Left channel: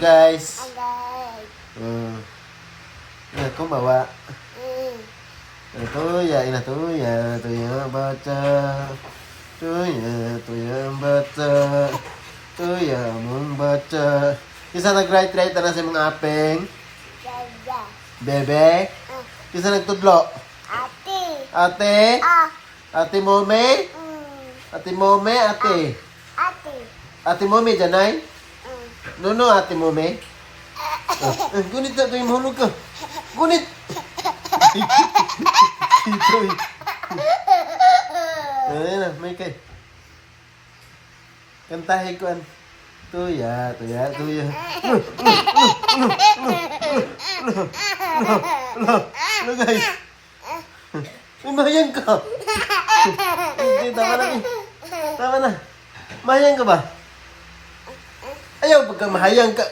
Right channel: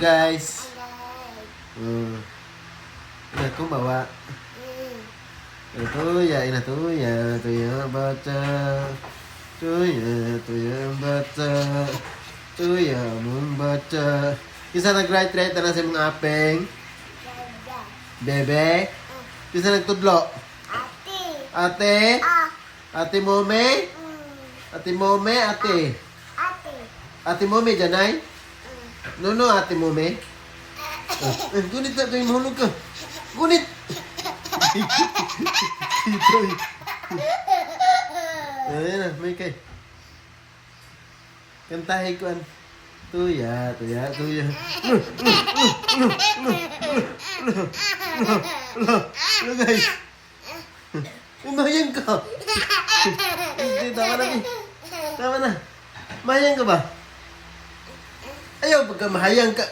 Guys. Kumawa. Tuya baca. Tuya baca. Tuya membaca. Isa nag-write na sa mga apeng. Bebe. Isa nagtudlo. Ate. Ate Mome. Ate Mome, ate. Ate Mome, janay? No, ate Mome. Gunit na kayo mahulog ka. Gunit! Ayan na, may kay. Kantahin ko an. Tuya. Lagay. Mahayang ka. Tama na. Mahayang ka ba? Ayaw, pagka mahayang ka.